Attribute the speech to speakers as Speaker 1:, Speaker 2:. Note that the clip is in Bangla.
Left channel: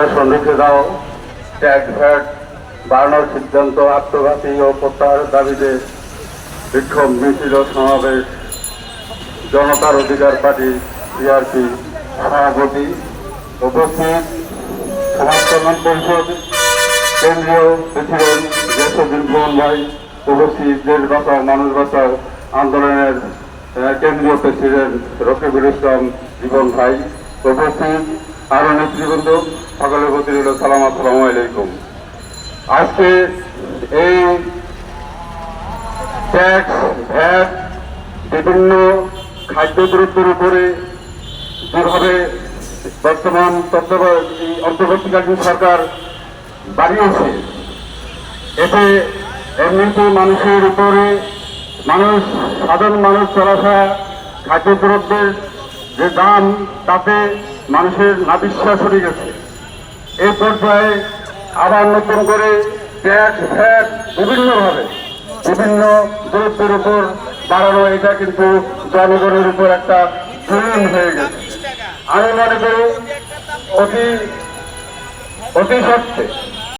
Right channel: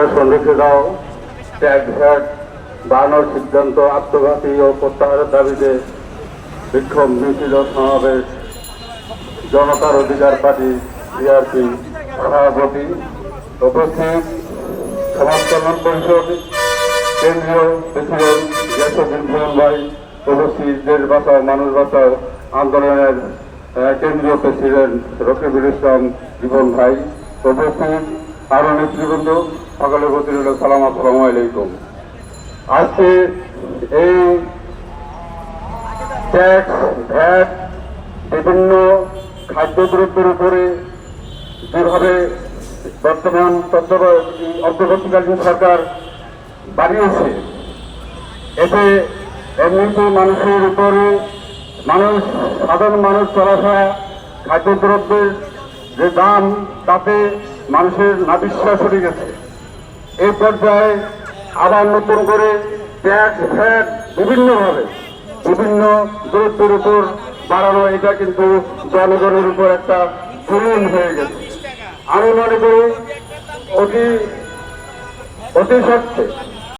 Speaker 1: রেখে দাও ট্যাক্স ভ্যাট বাড়ানোর সিদ্ধান্ত, আত্মঘাতী ও প্রত্যাহারের দাবিতে বিক্ষোভ, মিছিল সমাবেশ। জনতার অধিকার পার্টি বিআরপি সভাপতি উপস্থিত। সমাজ কল্যাণ পরিষদ কেন্দ্রীয় প্রেসিডেন্ট জেসুদ্দিন মোহন ভাই উপস্থিত। দেশ বাঁচাও মানুষ বাঁচাও আন্দোলনের কেন্দ্রীয় প্রেসিডেন্ট রফিকুল ইসলাম জীবন ভাই উপস্থিত। আরও নেতৃবৃন্দ, সকলের প্রতি রইল সালাম, আসসালামু আলাইকুম। আজকে এই ট্যাক্স, ভ্যাট, বিভিন্ন খাদ্যদ্রব্যের উপরে যেভাবে বর্তমান অন্তর্বর্তীকালীন সরকার বাড়িয়েছে এতে এমনিতে মানুষের উপরে মানুষ, সাধারণ মানুষ চলাফেরা, খাদ্যদ্রব্যের যে দাম, তাতে মানুষের নাবিশ্বাস হয়ে গেছে। এই পর্যায়ে আবার নতুন করে ট্যাক্স ভ্যাট বিভিন্নভাবে, বিভিন্ন দূরত্বের উপর বাড়ানো, এটা কিন্তু জনগণের উপর একটা জুলুম হয়ে গেছে। আমি মনে করি অতি অতি সত্ত্বে